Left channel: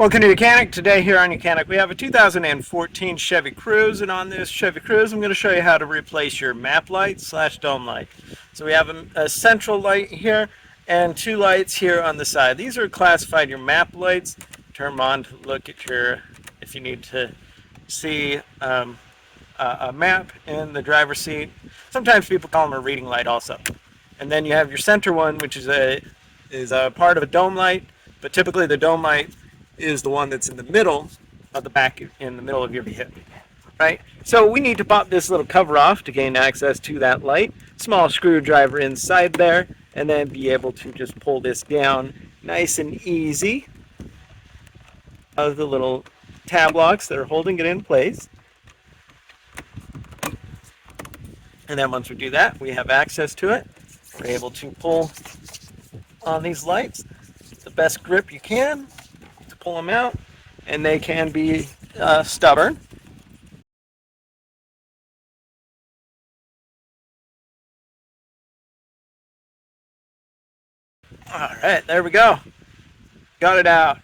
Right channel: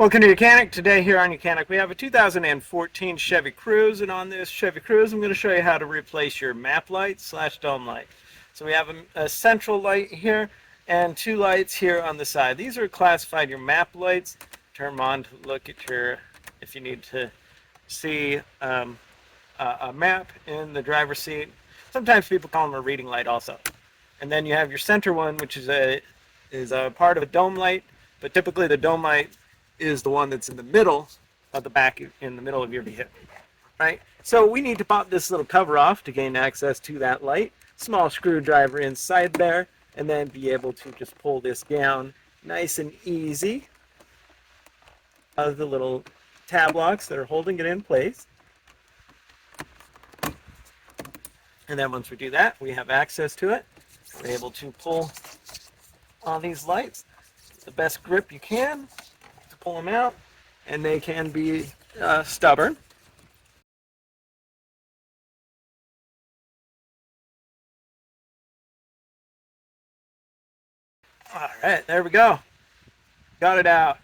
Welcome to YOUCANIC. Today here on YOUCANIC we have a 2014 Chevy Cruze, and on this Chevy Cruze I'm going to show you how to replace your map light / dome light. So we have a central light here and two lights here on the side. These are classified your map lights. Turn them on to look at if you need to see a map in the driver's seat. Sometimes people call them a reading light also. And then you have your center one, which is a part of a dome light, but typically the dome light is the one that's in the middle of the back, in the middle of your vehicle, right? So we need to pop this little cover off to gain access to that light. Small screwdriver inside there, and then be able to just pull this down nice and easy of the little tab locks that are holding it in place. And then once we do that, we have access to it. We're able to pull on these lights the best grip you can to pull them out, and they can be stubborn. All right, there we go. Got it out.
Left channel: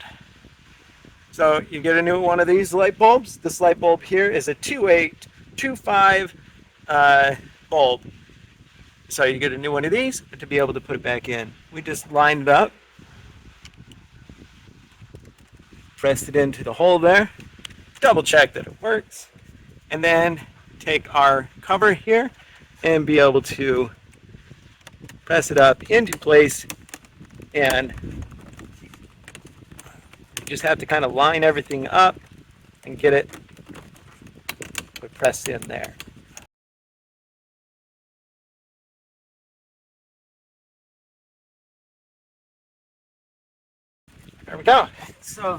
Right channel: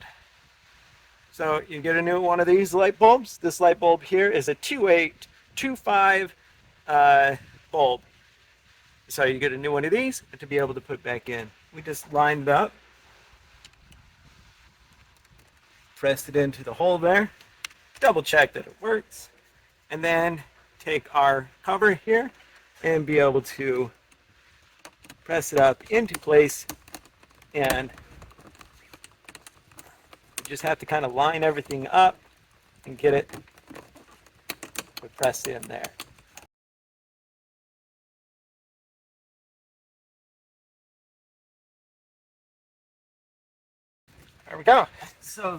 So you get a new one of these light bulbs. This light bulb here is a 2825 bulb. So you get a new one of these to be able to put it back in. We just lined it up, pressed it into the hole there, double check that it works, and then take our cover here and be able to press it up into place, and just have to kind of line everything up and get it pressed in there. There we go. So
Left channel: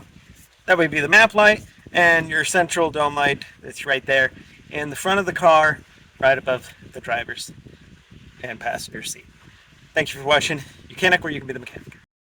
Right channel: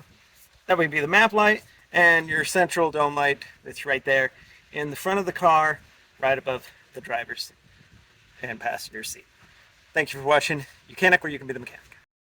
that would be the map light and your central dome light that's right there in the front of the car, right above the driver's and passenger seat. Thank you for watching YOUCANIC, where you can be the mechanic.